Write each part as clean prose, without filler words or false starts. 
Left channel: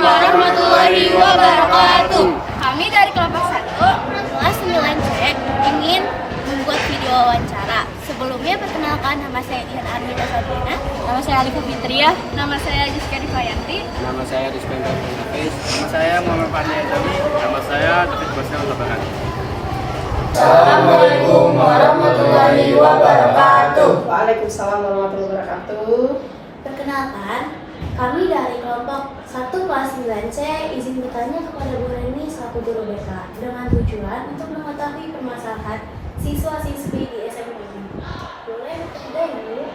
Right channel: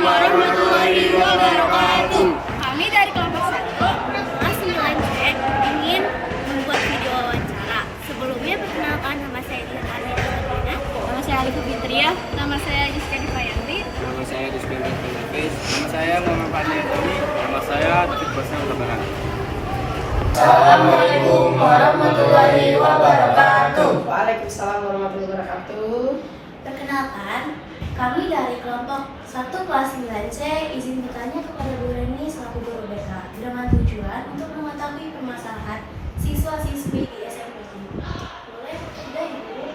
warahmatullahi wabarakatuh. Kami dari kelompok 1 kelas 9C ingin membuat video wawancara. Sebelumnya perkenalkan, nama saya Dian Armita Sabrina. Nama saya Alifu Fitria. Nama saya Giska Divayanti. Nama saya Rizky Hafiz. Nama saya Muhammad Fadli Azami. Nama saya David Basel Tabaran. Assalamualaikum warahmatullahi wabarakatuh. Waalaikumsalam warahmatullahi wabarakatuh. Perkenalkan, kami dari kelompok 1 kelas 9C izin bertanya kepada Bu Reni selaku guru BK dengan tujuan untuk mengetahui permasalahan siswa-siswi di SMP ini. Boleh tidak ya, Bu?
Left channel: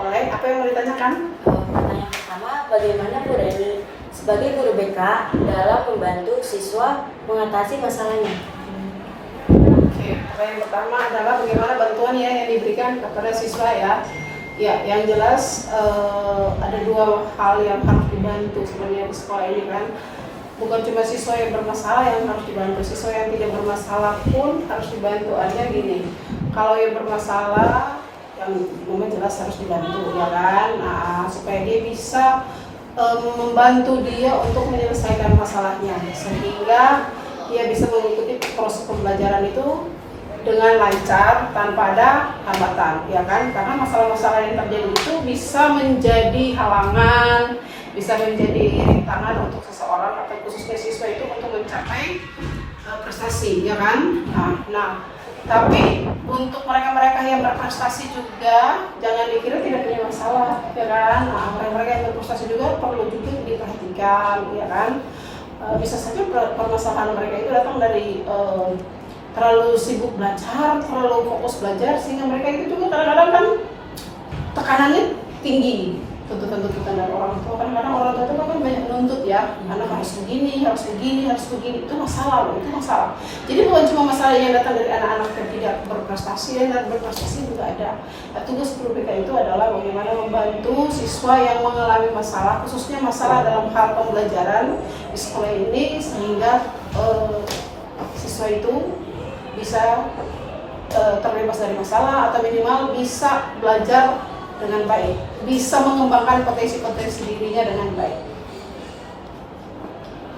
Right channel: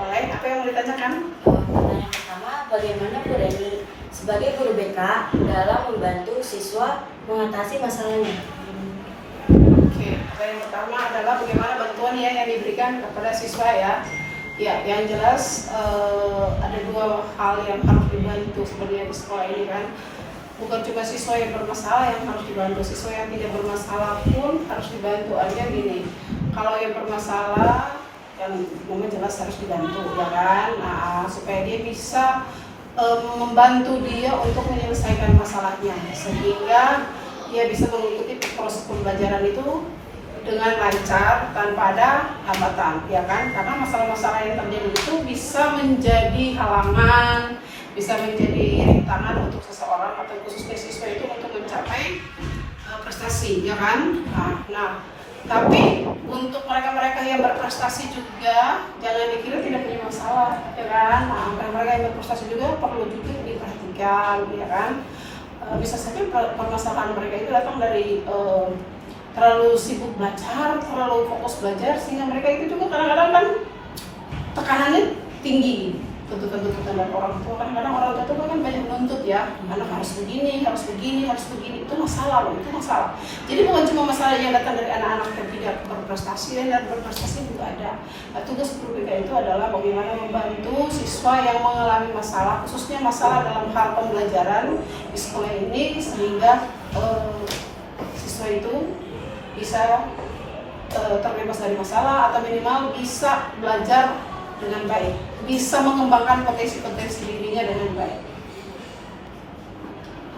Oleh, apa yang mau ditanyakan? Pertanyaan pertama, bagaimana Bu Reni sebagai guru BK dalam membantu siswa mengatasi masalahnya? Oke, yang pertama adalah bagaimana bantuan yang diberikan kepada siswa ya. Ya, yang jelas ada dua hal yang harus dibantu sebenarnya di sekolah ini kan. Bukan cuma siswa yang bermasalah yang harus dibantu, siswa yang tidak bermasalah pun harus dibantu. Aja gini, kalau yang bermasalah yang memang jelas harus dibantu ya kan. Nah, supaya dia bisa membantu dia untuk menyelesaikan masalahnya sehingga dia bisa mengikuti proses pembelajaran itu dengan lancar tanpa ada hambatan ya kan, karena masalah-masalah yang terjadi itu bisa menjadi halangan, bisa menjadi rintangan untuk seseorang atau khususnya siswa itu untuk mencapai prestasi ya kan. Nah, tapi untuk mereka-mereka yang berprestasi juga jangan dikira tidak punya masalah ya kan. Nah, mereka-mereka yang berprestasi juga perlu juga diperhatikan ya kan. Bisa saja permasalahan mereka itu datang dari terlalu sibuk belajar, terlalu fokus belajar sehingga mereka itu juga kadang-kadang kan tekanannya tinggi, tuntutan-tuntutan dari orang tua. Kadang-kadang orang tua itu kan banyak nuntut ya, anak harus begini, harus begini, harus begini. Itu masalah loh, itu masalah. Jadi bukan cuma masalah yang datang dari anak-anak yang tidak berprestasi, dan berprestasi juga ada. Nah, tugas guru BK itu adalah bagaimana membantu siswa yang mengalami masalah, khususnya masalah dalam hal pembelajaran di sekolah ini sehingga siswa itu bisa terbebas dari masalah atau minimal bisa belajar dengan baik, bisa mengembangkan potensi-potensi dirinya dengan baik.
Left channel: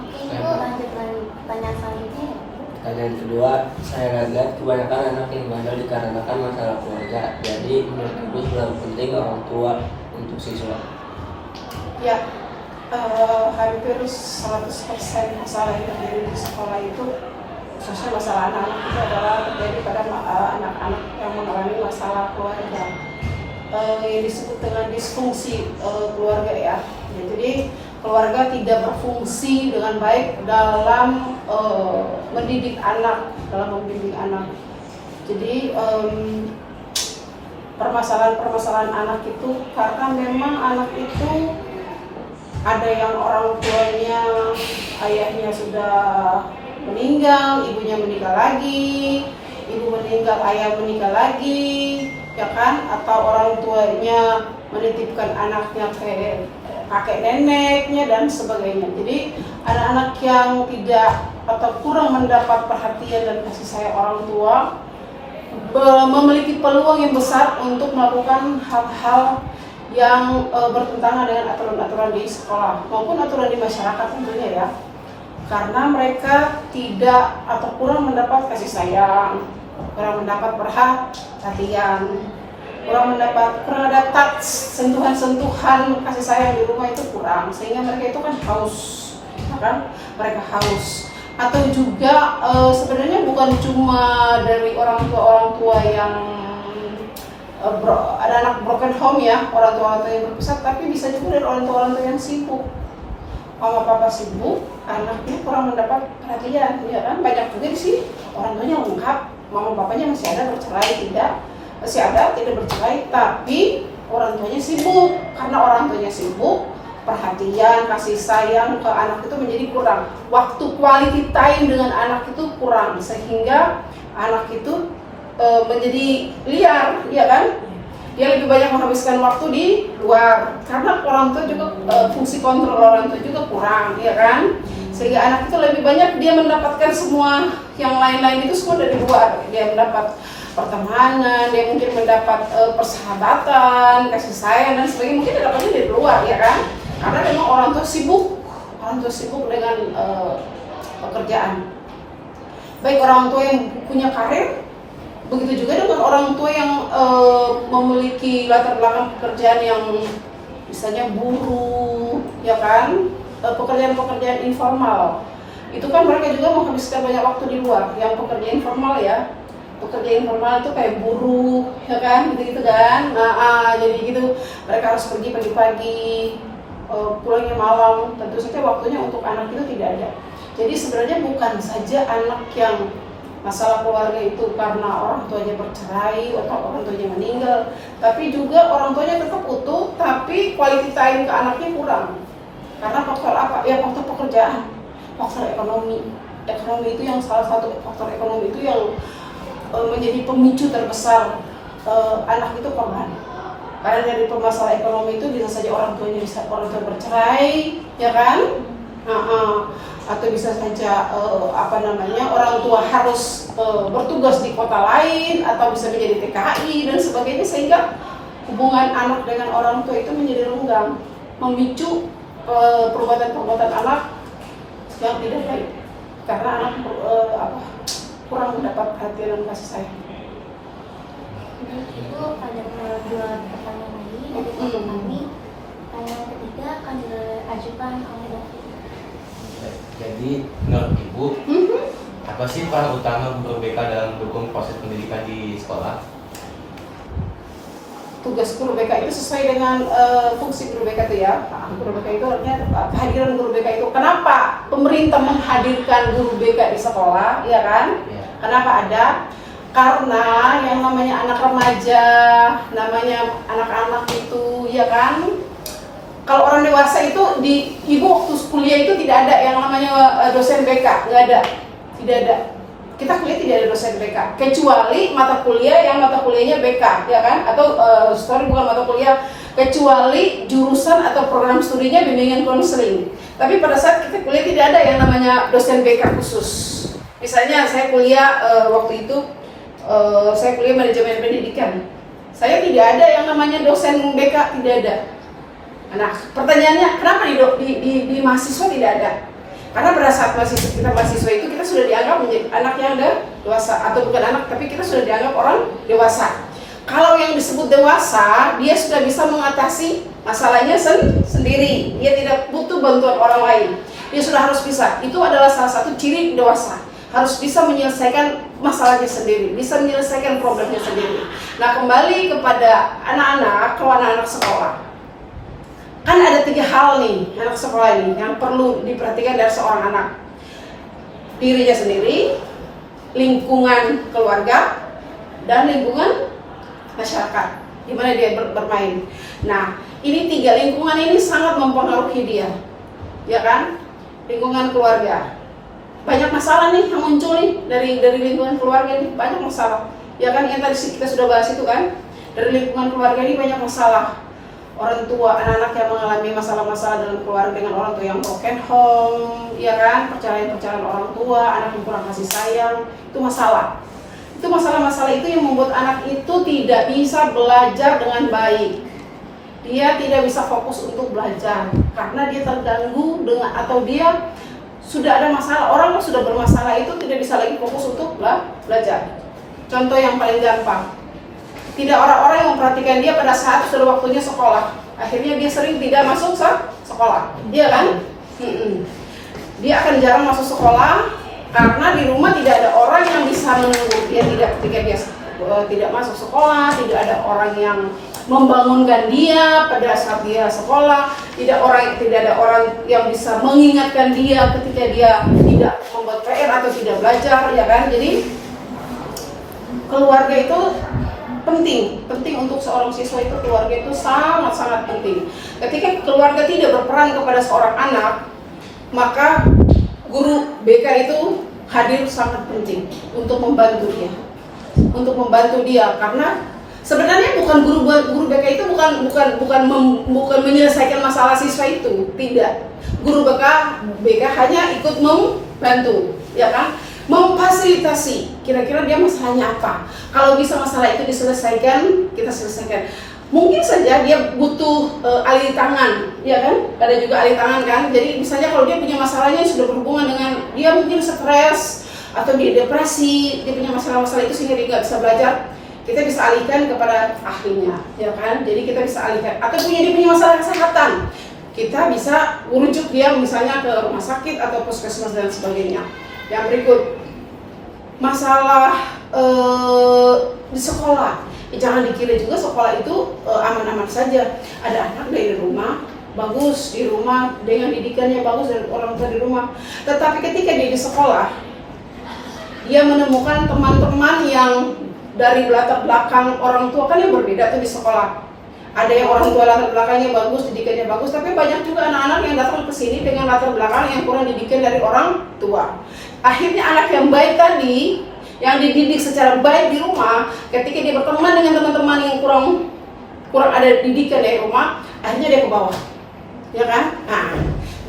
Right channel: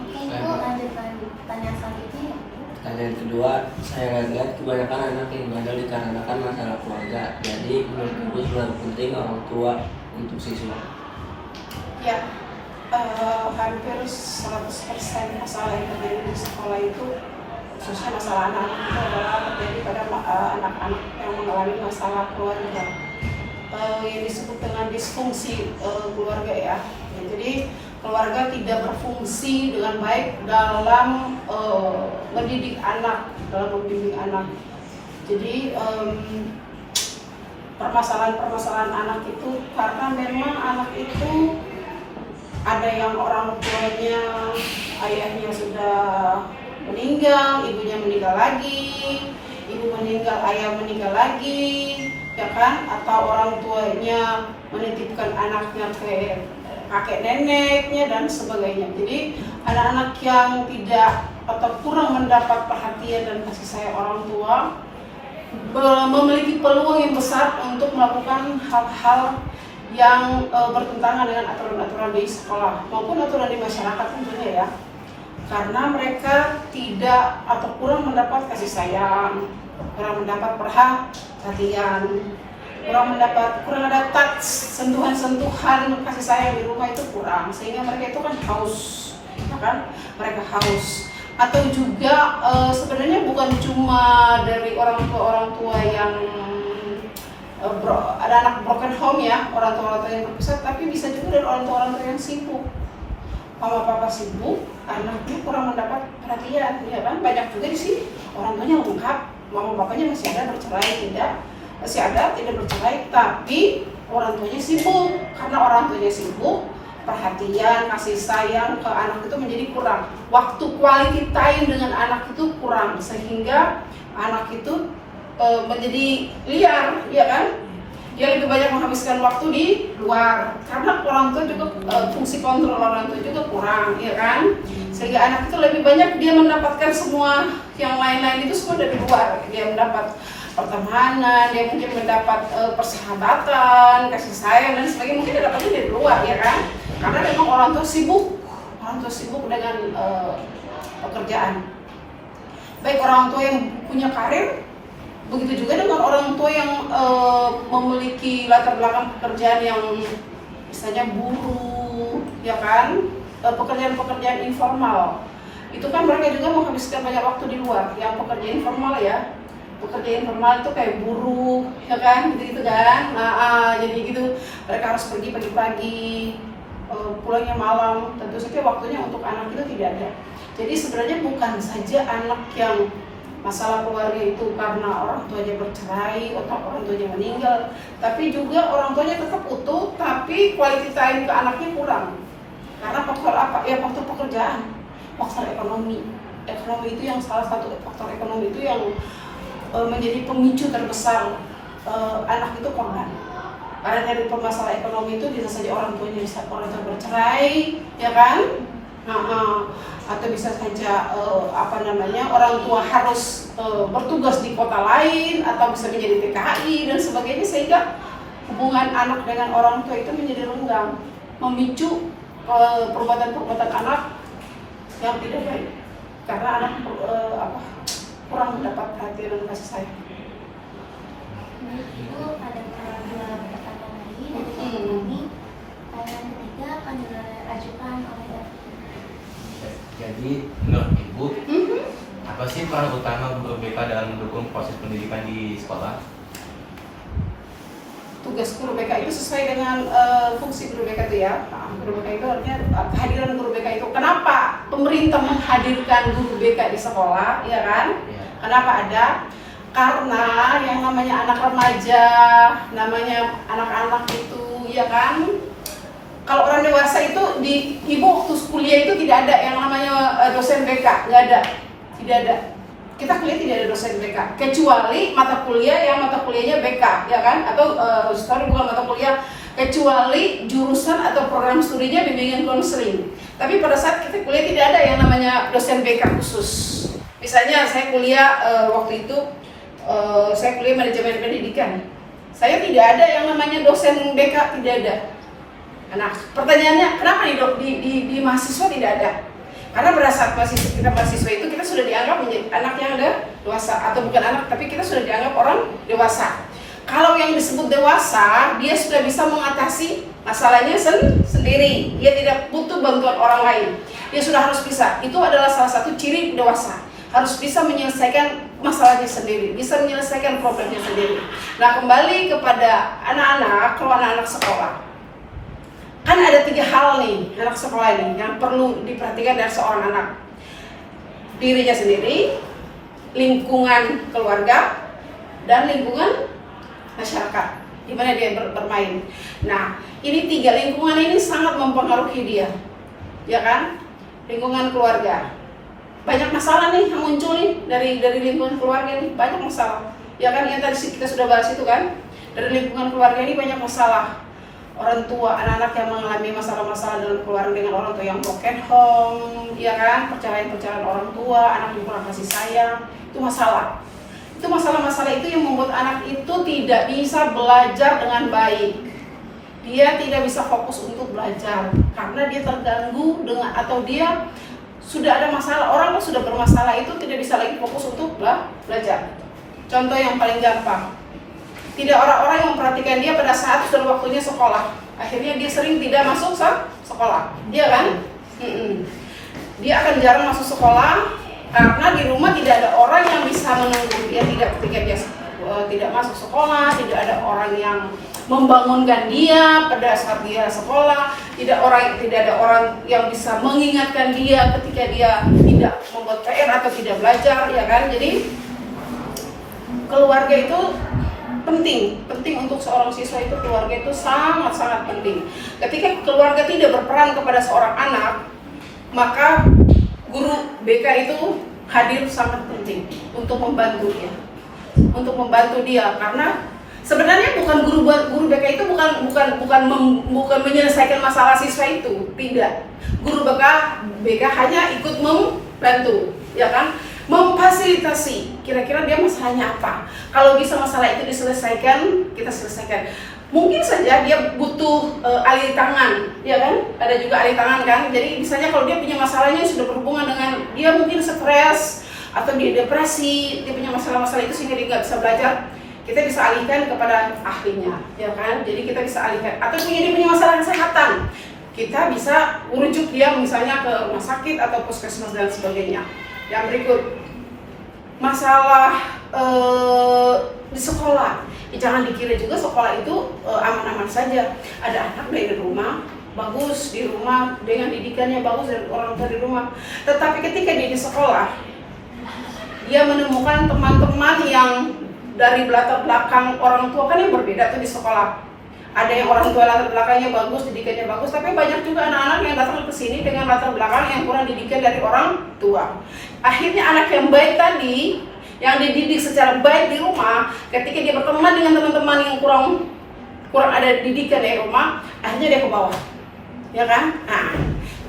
Oke, Ibu lanjut pertanyaan selanjutnya ya, Bu. Pertanyaan kedua, saya lihat kebanyakan anak yang bandel dikarenakan masalah keluarga. Jadi menurut Ibu seberapa penting orang tua untuk siswa? Ya, hampir 100% masalah yang terjadi di sekolah itu, khususnya masalah anak-anak itu adalah terjadi pada anak-anak yang mengalami masalah keluarga, yang disebut dengan disfungsi keluarga ya. Jadi keluarga tidak berfungsi dengan baik dalam mendidik anak, Jadi permasalahan anak itu karena memang anak itu ada yang orang tuanya, ayahnya sudah meninggal, ibunya meninggal lagi, ibu meninggal, ayah meninggal lagi, ya kan? Atau orang tuanya menitipkan anaknya ke kakek neneknya dan sebagainya. Jadi anak-anak yang tidak atau kurang mendapat perhatian dan kasih sayang orang tua memiliki peluang yang besar untuk melakukan hal-hal yang bertentangan dengan aturan-aturan di sekolah maupun aturan di masyarakat tentunya ya. Karena mereka tidak atau kurang mendapat kasih sayang, kurang mendapat perhatian, kurang ada touch, sentuhan-sentuhan kasih sayang di rumah itu kurang, sehingga mereka itu kan haus, kan? Mereka haus. Atau juga sebenarnya bukan cuma dari orang tua yang ada anak broken home ya, orang tua yang berpisah, tapi bisa juga dari orang tua yang sibuk. Mama papa sibuk, anaknya kurang mendapat perhatian, ya kan? Banyak juga sih orang tuanya lengkap, mama bapaknya masih ada tidak bercerai, tapi orang tuanya sibuk. Karena orang tuanya sibuk, perhatian, kasih sayang ke anak itu menjadi kurang. Waktu quality time dengan anak itu kurang, sehingga anak itu menjadi liar, ya kan? Dia lebih banyak menghabiskan waktu di luar karena orang tua juga fungsi kontrol orang tua juga kurang, ya kan? Sehingga anak itu lebih banyak dia mendapatkan semua yang lain-lain itu semua dari luar. Dia mendapat pertemanan, dia mungkin mendapat persahabatan, kasih sayang dan sebagainya, mungkin dapatnya dari luar, ya kan? Karena memang orang tua sibuk orang tua sibuk dengan pekerjaan. Baik orang tua yang punya karir, begitu juga dengan orang tua yang memiliki latar belakang pekerjaan yang misalnya buruh, ya kan, pekerjaan-pekerjaan informal. Itu kan mereka juga menghabiskan banyak waktu di luar. Yang pekerja informal ya, pekerja informal itu kayak buruh, ya kan, gitu kan. Nah, jadi gitu mereka harus pergi pagi-pagi, pulangnya malam. Tentu saja waktunya untuk anak itu tidak ada. Jadi sebenarnya bukan saja anak yang masalah keluarga itu karena orang tuanya bercerai atau orang tuanya meninggal, tapi juga orang tuanya tetap utuh, tapi quality time ke anaknya kurang. Karena faktor apa? Ya faktor pekerjaan, faktor ekonomi. Ekonomi itu yang salah satu faktor ekonomi itu yang menjadi pemicu terbesar anak itu korban. Karena dari permasalahan ekonomi itu bisa saja orang tua bercerai, ya kan? Atau bisa saja orang tua harus bertugas di kota lain atau bisa menjadi TKI dan sebagainya, sehingga hubungan anak dengan orang tua itu menjadi renggang, memicu perbuatan-perbuatan anak yang tidak baik karena anak kurang mendapat perhatian dan kasih sayang. Itu ada dua pertanyaan lagi dari kelompok kami. Pertanyaan ketiga akan diajukan oleh David. Jadi menurut Ibu, apa sih peran utama guru BK dalam mendukung proses pendidikan di sekolah? Tugas guru BK itu sesuai dengan fungsi guru BK itu ya. Nah, guru BK itu artinya kehadiran guru BK itu. Kenapa pemerintah menghadirkan guru BK di sekolah, ya kan? Ya. Kenapa ada? Karena yang namanya anak remaja, namanya anak-anak itu, ya kan? Kalau orang dewasa itu di ibu waktu kuliah itu tidak ada yang namanya dosen BK, nggak ada, tidak ada. Kita kuliah tidak ada dosen BK, kecuali mata kuliah yang mata kuliahnya BK, ya kan? Atau bukan mata kuliah, kecuali jurusan atau program studinya bimbingan konseling. Tapi pada saat kita kuliah tidak ada yang namanya dosen BK khusus. Misalnya saya kuliah waktu itu saya kuliah manajemen pendidikan, saya tidak ada yang namanya dosen BK, tidak ada. Nah, pertanyaannya kenapa di mahasiswa tidak ada? Karena pada saat kita mahasiswa itu kita sudah dianggap menjadi anak yang dewasa, atau bukan anak, tapi kita sudah dianggap orang dewasa. Kalau yang disebut dewasa, dia sudah bisa mengatasi masalahnya sendiri. Dia tidak butuh bantuan orang lain. Dia sudah harus bisa. Itu adalah salah satu ciri dewasa. Harus bisa menyelesaikan masalahnya sendiri, bisa menyelesaikan problemnya sendiri. Nah, kembali kepada anak-anak, kalau anak-anak sekolah. Kan ada 3 hal nih anak sekolah ini yang perlu diperhatikan dari seorang anak. Dirinya sendiri, lingkungan keluarga, dan lingkungan masyarakat di mana dia bermain. Nah, ini 3 lingkungan ini sangat mempengaruhi dia, ya kan? Lingkungan keluarga, banyak masalah nih yang muncul nih dari lingkungan keluarga ini, banyak masalah, ya kan? Yang tadi kita sudah bahas itu kan, dari lingkungan keluarga ini banyak masalah. Orang tua, anak-anak yang mengalami masalah-masalah dalam keluarga dengan orang tua yang broken home, ya kan, perceraian orang tua, anak yang kurang kasih sayang, itu masalah. Itu masalah-masalah itu yang membuat anak itu tidak bisa belajar dengan baik. Dia tidak bisa fokus untuk belajar karena dia terganggu dengan, atau dia sudah ada masalah. Orang yang sudah bermasalah itu tidak bisa lagi fokus untuk belajar. Contoh yang paling gampang, tidak orang-orang yang memperhatikan dia pada saat sudah waktunya sekolah. Akhirnya dia sering tidak masuk sekolah, dia kan? Dia akan jarang masuk sekolah karena di rumah tidak ada orang yang bisa menunggu dia. Ketika dia tidak masuk sekolah, tidak ada orang yang membangunkan dia pada saat dia sekolah, tidak ada orang yang bisa mengingatkan dia ketika dia tidak membuat PR atau tidak belajar, ya kan? Jadi keluarga itu penting untuk seorang siswa itu. Keluarga itu sangat-sangat penting. Ketika keluarga tidak berperan kepada seorang anak, maka guru BK itu hadir sangat penting untuk membantu dia, karena sebenarnya guru BK itu bukan menyelesaikan masalah siswa itu, tidak. Guru BK hanya ikut membantu, ya kan? Memfasilitasi, kira-kira dia masalahnya apa. Kalau bisa masalah itu diselesaikan, kita selesaikan. Mungkin saja dia butuh alih tangan ya kan? Ada juga alih tangan kan. Jadi misalnya kalau dia punya masalahnya yang sudah berhubungan dengan dia mungkin stres atau dia depresi, dia punya masalah-masalah itu sehingga dia nggak bisa belajar, kita bisa alihkan kepada ahlinya, ya kan? Jadi kita bisa alihkan. Atau dia punya masalah kesehatan, kita bisa merujuk dia misalnya ke rumah sakit atau puskesmas dan sebagainya. Yang berikut, masalah di sekolah. Jangan dikira juga sekolah itu aman-aman saja. Ada anak dari rumah bagus, di rumah dengan didikan yang bagus dari orang tua di rumah. Tetapi ketika dia di sekolah, dia menemukan teman-teman yang dari latar belakang orang tua kan yang berbeda tuh di sekolah. Ada yang orang tua latar belakangnya bagus, didikannya bagus, tapi banyak juga anak-anak yang datang ke sini dengan latar belakang yang kurang didikan dari orang tua. Akhirnya anak yang baik tadi, yang dididik secara baik di rumah, ketika dia berteman dengan teman-teman yang kurang ada didikan dari rumah, akhirnya dia ke bawah, ya kan? Nah,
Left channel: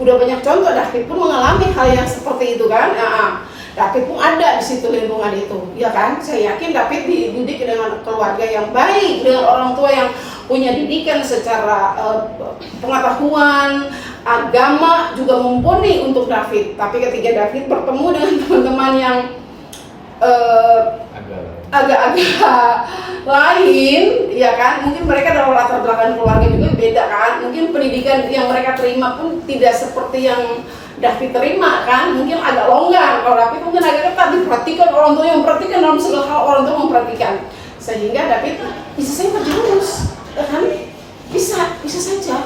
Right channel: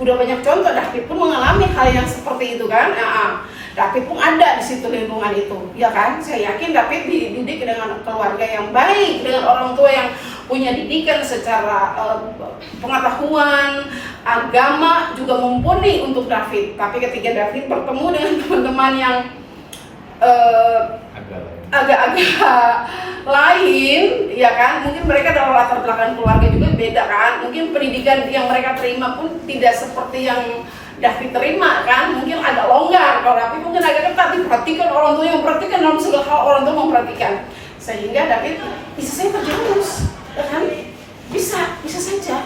udah banyak contoh. David pun mengalami hal yang seperti itu kan? David pun ada di situ lingkungan itu, ya kan? Saya yakin David dididik dengan keluarga yang baik, dengan orang tua yang punya didikan secara pengetahuan agama juga mumpuni untuk David. Tapi ketika David bertemu dengan teman-teman yang agak-agak lain, ya kan? Mungkin mereka dalam latar belakang keluarga juga beda kan? Mungkin pendidikan yang mereka terima pun tidak seperti yang David terima kan? Mungkin agak longgar. Kalau David mungkin agak ketat, diperhatikan orang tua yang memperhatikan, dalam segala hal orang tua memperhatikan. Sehingga David bisa saja terjerumus, ya kan? Bisa saja,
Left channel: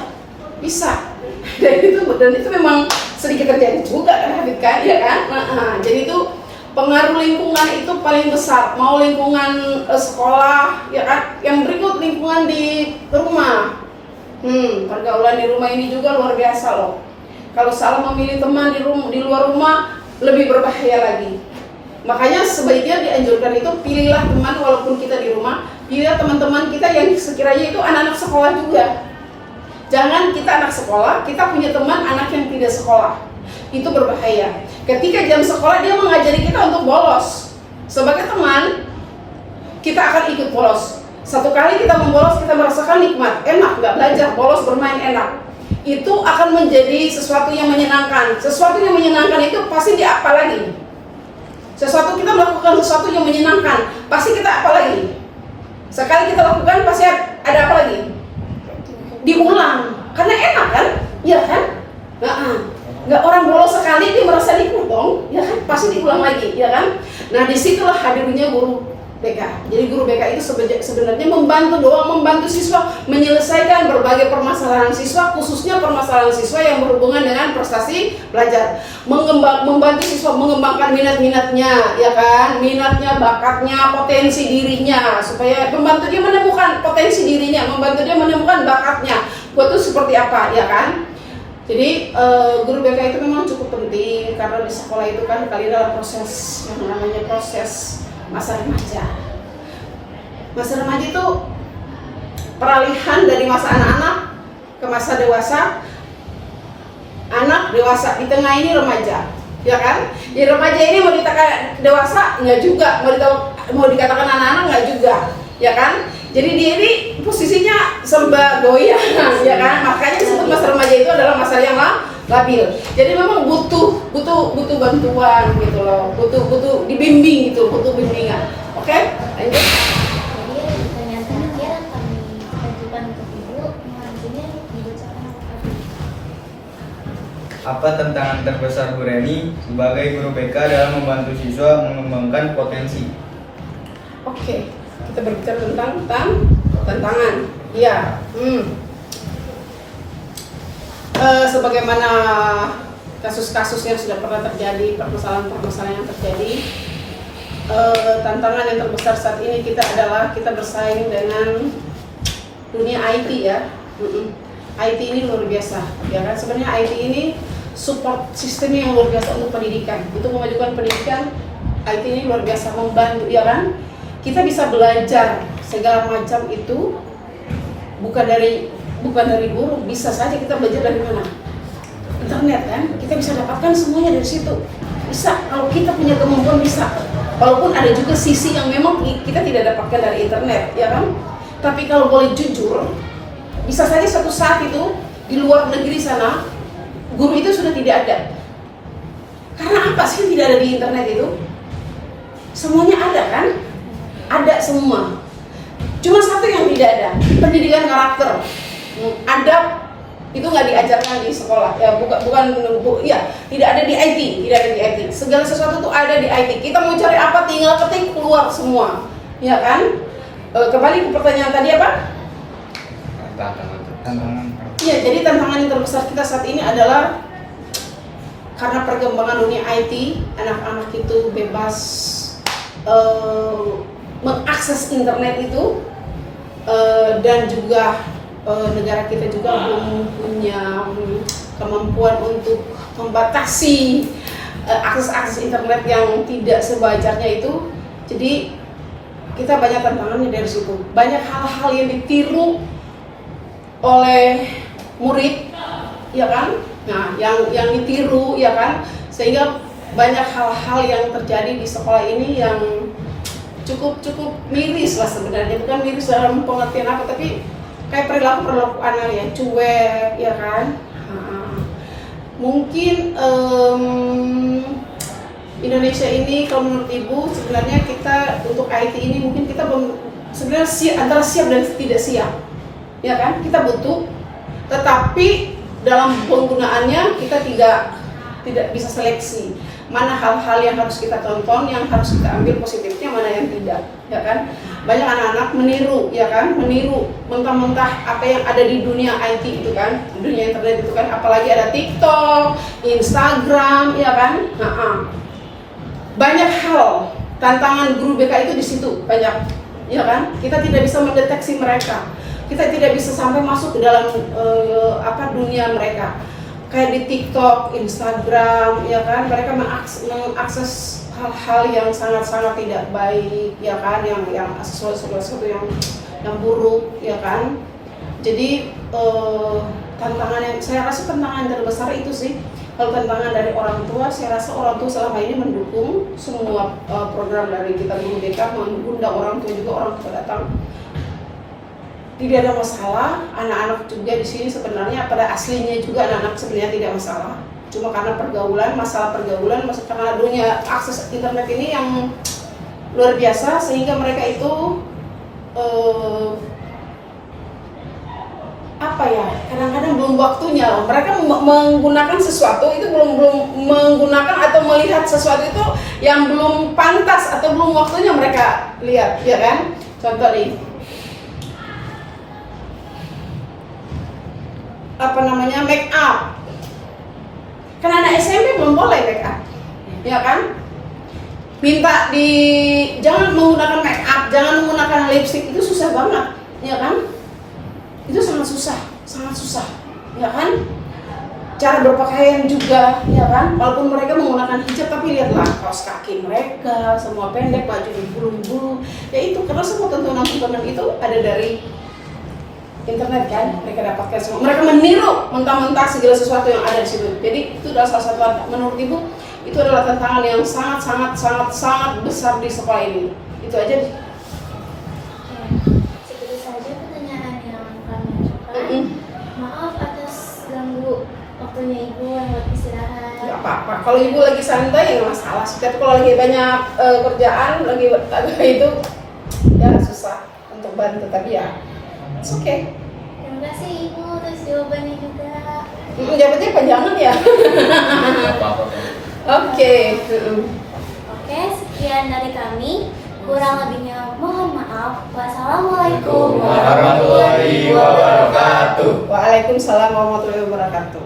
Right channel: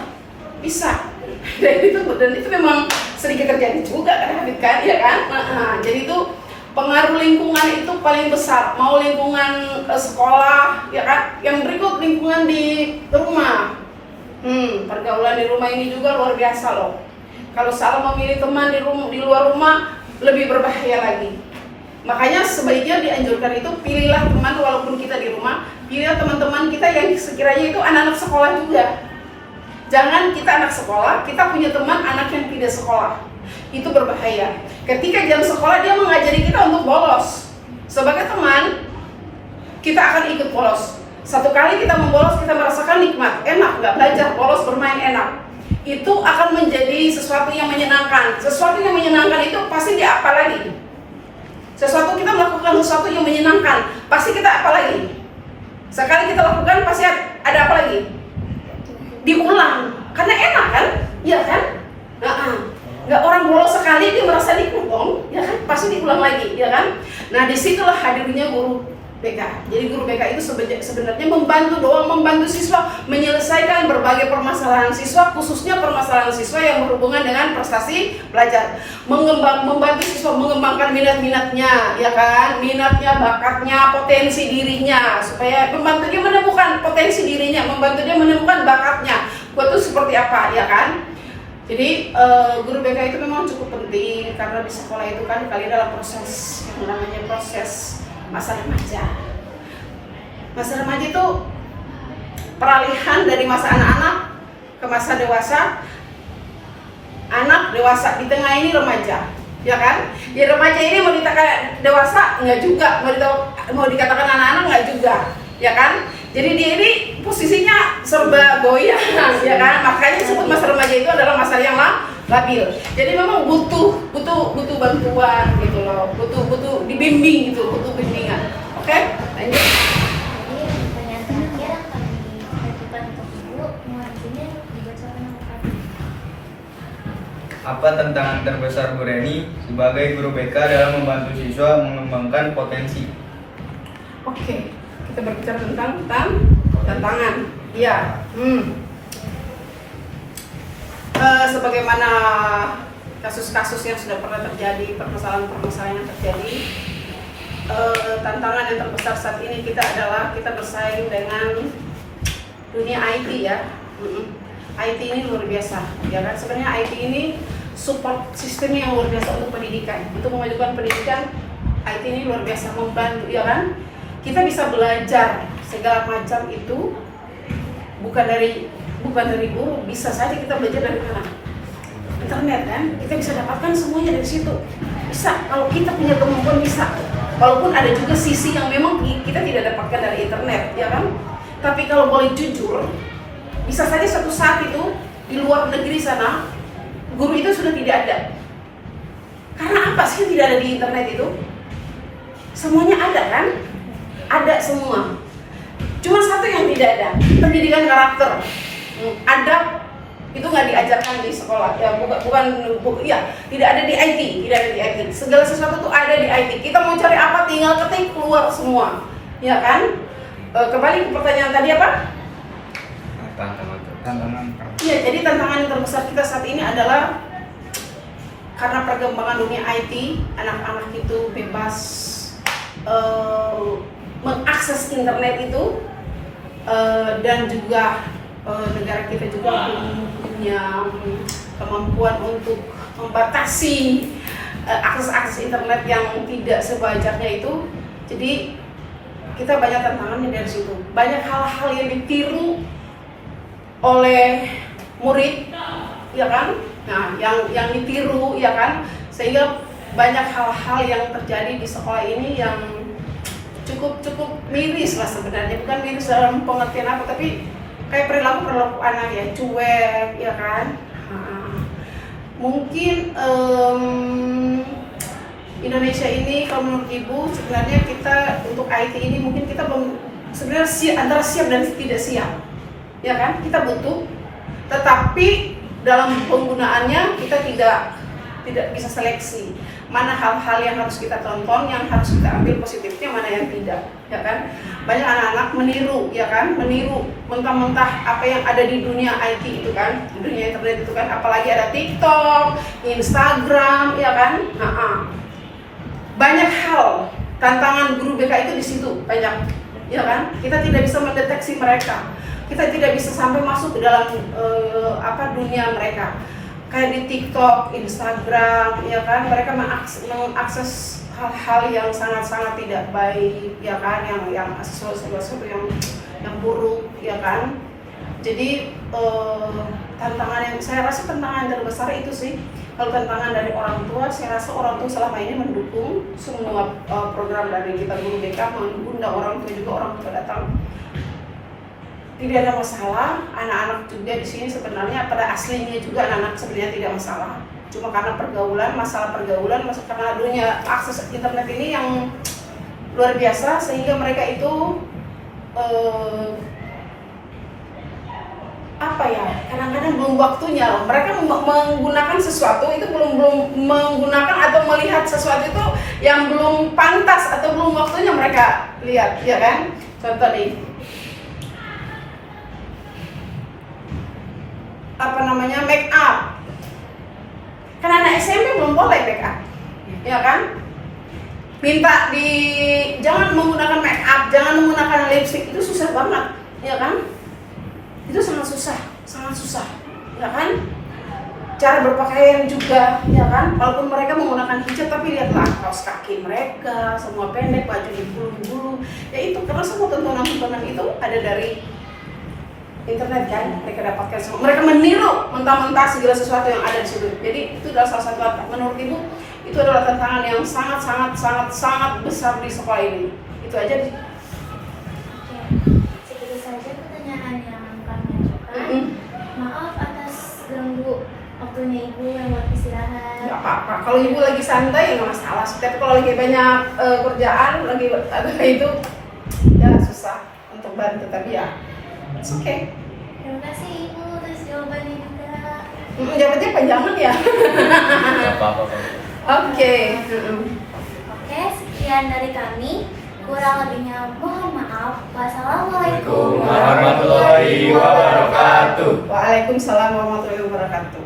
bisa. Dan itu memang sedikit terjadi juga kan David kan, ya kan? Jadi itu pengaruh lingkungan itu paling besar. Mau lingkungan sekolah, ya kan? Yang berikut lingkungan di rumah. Pergaulan di rumah ini juga luar biasa loh. Kalau salah memilih teman di luar rumah lebih berbahaya lagi. Makanya sebaiknya dianjurkan itu pilihlah teman walaupun kita di rumah, pilihlah teman-teman kita yang sekiranya itu anak-anak sekolah juga. Jangan kita anak sekolah, kita punya teman anak yang tidak sekolah. Itu berbahaya. Ketika jam sekolah dia mengajari kita untuk bolos. Sebagai teman, kita akan ikut bolos. Satu kali kita membolos, kita merasakan nikmat, enak, nggak belajar, bolos, bermain enak. Itu akan menjadi sesuatu yang menyenangkan. Sesuatu yang menyenangkan itu pasti dia apa lagi? Sesuatu kita melakukan sesuatu yang menyenangkan, pasti kita apa lagi? Sekali kita lakukan pasti ada apa lagi? Diulang, karena enak kan? Iya kan? Nggak orang bolos sekali dia merasa nikmat dong, ya kan? Pasti diulang lagi, ya kan? Nah disitulah hadirnya guru BK. Jadi guru BK itu sebenarnya membantu siswa menyelesaikan berbagai permasalahan siswa, khususnya permasalahan siswa yang berhubungan dengan prestasi belajar. Membantu siswa mengembangkan minat-minatnya, ya kan? Minatnya, bakatnya, potensi dirinya, supaya membantu dia menemukan potensi dirinya, membantu dia menemukan bakatnya. Buat itu seperti apa, ya kan? Jadi guru BK itu memang cukup penting karena di sekolah itu kan dalam proses yang namanya proses masa remaja. Masa remaja itu peralihan dari masa anak-anak ke masa dewasa. Anak dewasa, di tengah ini remaja, ya kan? Ya remaja ini mau dikatakan dewasa enggak juga, mau dikatakan anak-anak enggak juga, ya kan? Jadi dia ini posisinya serba goyang, ya kan? Makanya disebut masa remaja itu adalah masa yang labil. Jadi memang butuh bantuan gitu loh, butuh dibimbing gitu, butuh bimbingan. Oke, lanjut. Jadi pertanyaan terakhir kami ajukan untuk Ibu, selanjutnya dibacakan oleh Kak. Apa tantangan terbesar Bu Reni sebagai guru BK dalam membantu siswa mengembangkan potensi? Oke, kita berbicara tentang tantangan. Iya. Sebagaimana kasus-kasus yang sudah pernah terjadi, permasalahan-permasalahan yang terjadi, tantangan yang terbesar saat ini kita adalah kita bersaing dengan dunia IT ya. IT ini luar biasa, ya kan? Sebenarnya IT ini support sistemnya yang luar biasa untuk pendidikan. Untuk memajukan pendidikan, IT ini luar biasa membantu, ya kan? Kita bisa belajar segala macam itu bukan dari guru, bisa saja kita belajar dari mana? Internet kan? Kita bisa dapatkan semuanya dari situ. Bisa, kalau kita punya kemampuan bisa. Walaupun ada juga sisi yang memang kita tidak dapatkan dari internet, ya kan? Tapi kalau boleh jujur, bisa saja suatu saat itu di luar negeri sana guru itu sudah tidak ada. Karena apa sih tidak ada di internet itu? Semuanya ada kan? Ada semua. Cuma satu yang tidak ada, pendidikan karakter. Adab itu nggak diajarkan di sekolah. Ya tidak ada di IT, tidak ada di IT. Segala sesuatu tuh ada di IT. Kita mau cari apa tinggal ketik keluar semua, ya kan? Kembali ke pertanyaan tadi apa? Tantangan. Iya, jadi tantangan yang terbesar kita saat ini adalah karena perkembangan dunia IT, anak-anak itu bebas mengakses internet itu, dan juga negara kita juga belum punya kemampuan untuk membatasi akses internet yang tidak sewajarnya itu. Jadi kita banyak tantangannya dari situ. Banyak hal-hal yang ditiru oleh murid, ya kan? Nah, yang ditiru, ya kan? Sehingga banyak hal-hal yang terjadi di sekolah ini yang cukup miris lah sebenarnya. Bukan miris dalam pengertian apa, tapi kayak perilaku anak ya, cuek, ya kan? Mungkin Indonesia ini kalau menurut Ibu sebenarnya kita untuk IT ini mungkin kita belum sebenarnya antara siap dan tidak siap, ya kan? Kita butuh, tetapi dalam penggunaannya kita tidak bisa seleksi mana hal-hal yang harus kita tonton, yang harus kita ambil positifnya, mana yang tidak, ya kan? Banyak anak-anak meniru, ya kan? Meniru mentah-mentah apa yang ada di dunia IT itu kan, di dunia internet itu kan, apalagi ada TikTok, Instagram, ya kan? Banyak hal, tantangan guru BK itu di situ banyak, ya kan? Kita tidak bisa mendeteksi mereka. Kita tidak bisa sampai masuk ke dalam dunia mereka. Kayak di TikTok, Instagram, ya kan, mereka mengakses hal-hal yang sangat-sangat tidak baik, ya kan, yang sesuatu yang buruk, ya kan. Jadi saya rasa tantangan yang terbesar itu sih. Kalau tantangan dari orang tua, saya rasa orang tua selama ini mendukung semua program dari kita guru BK, mengundang orang tua juga, orang tua datang. Tidak ada masalah, anak-anak juga di sini sebenarnya pada aslinya juga anak-anak sebenarnya tidak masalah. Cuma karena masalah pergaulan, karena dunia akses internet ini yang luar biasa sehingga mereka itu kadang-kadang belum waktunya. Mereka menggunakan sesuatu itu belum menggunakan atau melihat sesuatu itu yang belum pantas atau belum waktunya mereka lihat, ya kan? Contoh nih. Make up. Kan anak SMP belum boleh make up, ya kan? Jangan menggunakan make up, jangan menggunakan lipstick, itu susah banget, ya kan? Itu sangat susah, ya kan? Cara berpakaian juga, ya kan? Walaupun mereka menggunakan hijab, tapi lihatlah kaos kaki mereka semua pendek, baju dibulu-bulu, ya itu karena semua tontonan itu ada dari internet kan, mereka dapatkan semua. Mereka meniru mentah-mentah segala sesuatu yang ada di situ. Jadi itu adalah salah satu, menurut Ibu itu adalah tantangan yang sangat besar di sekolah ini. Itu aja. Seperti saja pertanyaan yang kami ajukan. Maaf atas ganggu waktunya Ibu yang buat istirahat. Gak apa-apa. Kalau Ibu lagi santai ya masalah. Tapi kalau lagi banyak kerjaan, lagi itu ya susah untuk bantu tadi ya. It's okay. Terima kasih Ibu atas jawabannya juga. Jawabannya panjangan ya. Oke, sekian dari kami. Kurang lebihnya mohon maaf. Wassalamualaikum Warahmatullahi wabarakatuh. Waalaikumsalam warahmatullahi wabarakatuh.